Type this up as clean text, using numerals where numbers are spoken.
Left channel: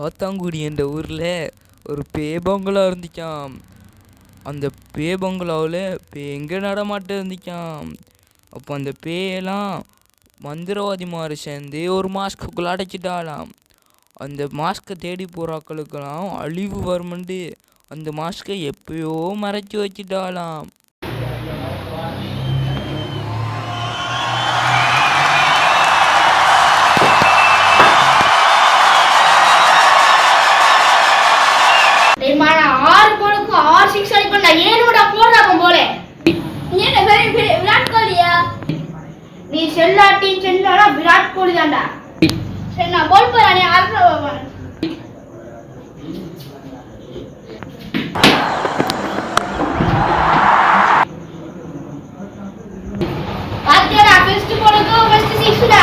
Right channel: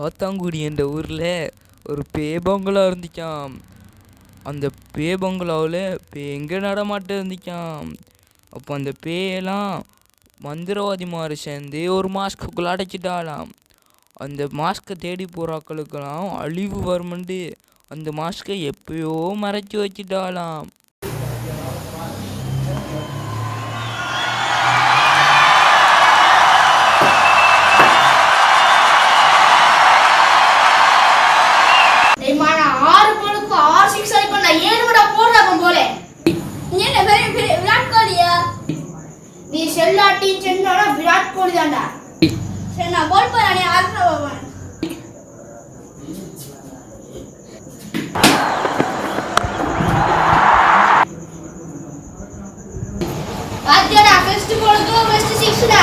காத்தாங்குடி என்ற ஊரில் ஒரு பங்களா இருந்துச்சாம். அந்த பங்களாவில் எங்கே நடமாட்டம் இருந்துச்சாம். அப்போ அந்த பேயெல்லாம் மந்திரவாதிமார் சேர்ந்து ஒரு மாஸ்க்குள்ளே அடைச்சிட்டாலாம். அந்த மாஸ்கை தேடி போகிறாக்களுக்கெல்லாம் அழிவு வருமெண்டு அந்த மாஸ்கை எப்பயோ மறைச்சி வச்சிட்டாலாம். நீ செல்லாட்டி சென்றானா விராட் கோலி தான்டா. சரி நான் பால் போறானே ஆர்டர் பாத்தியாடா ஃபர்ஸ்ட் பாலுக்கு ஃபர்ஸ்ட் 6 டா.